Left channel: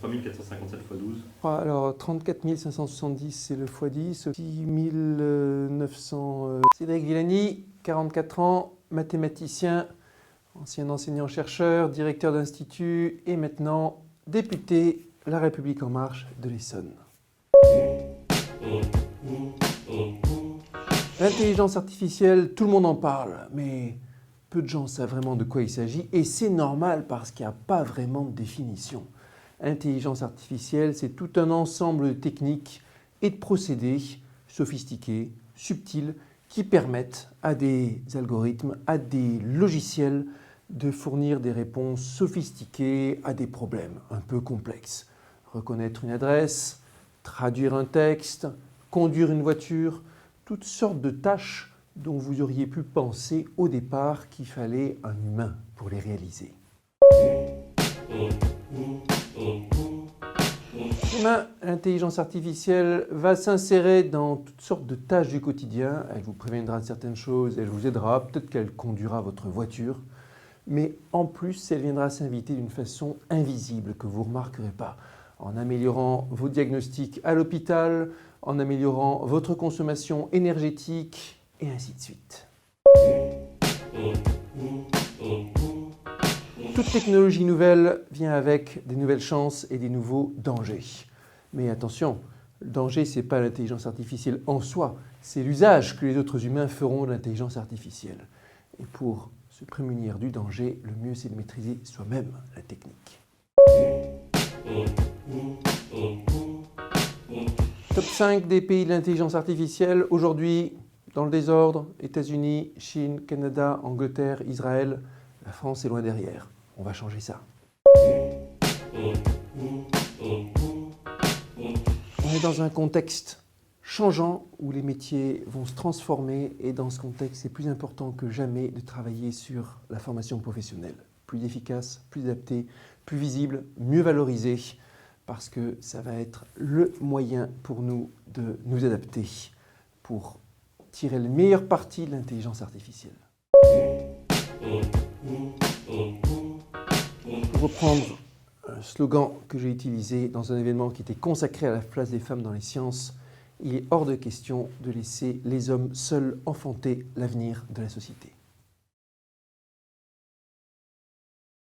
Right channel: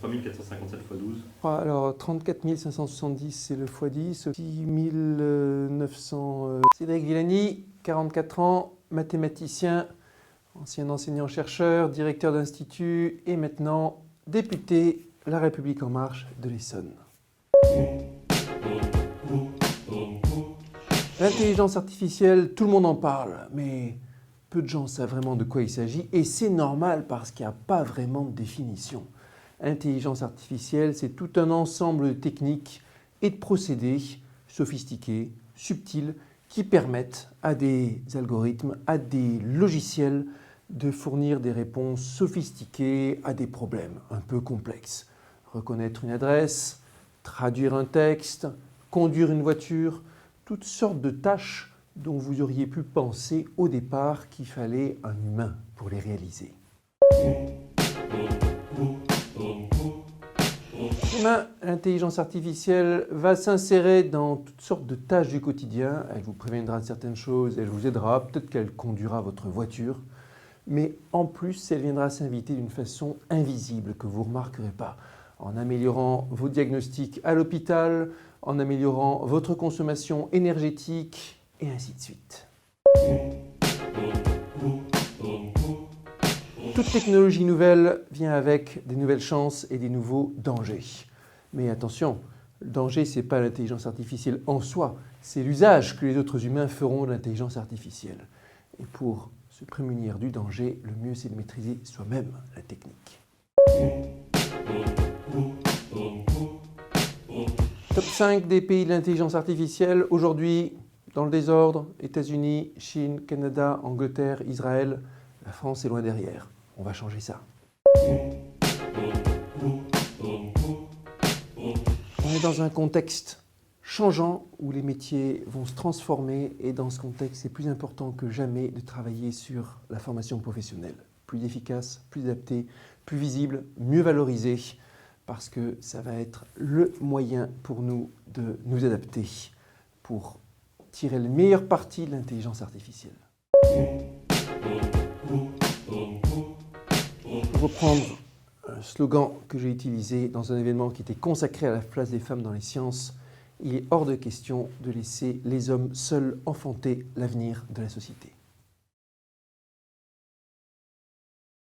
3457 x 12. Alors, 34 570, c'est le x10. 6 900... Cédric Villani, 44 ans, mathématicien, ancien enseignant-chercheur, directeur d'institut et maintenant député La République En Marche de l'Essonne. L'intelligence artificielle, tout le monde en parle, mais peu de gens savent vraiment de quoi il s'agit et c'est normal parce qu'il n'y a pas vraiment de définition. Intelligence artificielle, c'est tout un ensemble de techniques et de procédés sophistiqués, subtils, qui permettent à des algorithmes, à des logiciels de fournir des réponses sophistiquées à des problèmes un peu complexes. Reconnaître une adresse, traduire un texte, conduire une voiture, toutes sortes de tâches dont vous auriez pu penser au départ qu'il fallait un humain pour les réaliser. Demain, l'intelligence artificielle va s'insérer dans toutes sortes de tâches du quotidien. Elle vous préviendra de certaines choses, elle vous aidera, peut-être qu'elle conduira votre voiture. Mais en plus, elle viendra s'inviter d'une façon invisible que vous ne remarquerez pas, en améliorant vos diagnostics à l'hôpital, en améliorant votre consommation énergétique, et ainsi de suite. Toute technologie nouvelle vient avec des nouvelles chances et des nouveaux dangers. Mais attention, le danger, ce n'est pas l'intelligence artificielle en soi, c'est l'usage que les autres humains feront de l'intelligence artificielle. Et pour se prémunir du danger, le mieux c'est de maîtriser soi-même la technique. Top 5 des pays de l'intelligence artificielle. Aujourd'hui, dans le désordre, États-Unis, Chine, Canada, Angleterre, Israël. La France est loin derrière. On va changer ça. On est dans un contexte changeant où les métiers vont se transformer et dans ce contexte, c'est plus important que jamais de travailler sur la formation professionnelle. Plus efficace, plus adaptée, plus visible, mieux valorisée parce que ça va être le moyen pour nous de nous adapter pour tirer le meilleur parti de l'intelligence artificielle. Pour reprendre un slogan que j'ai utilisé dans un événement qui était consacré à la place des femmes dans les sciences, il est hors de question de laisser les hommes seuls enfanter l'avenir de la société.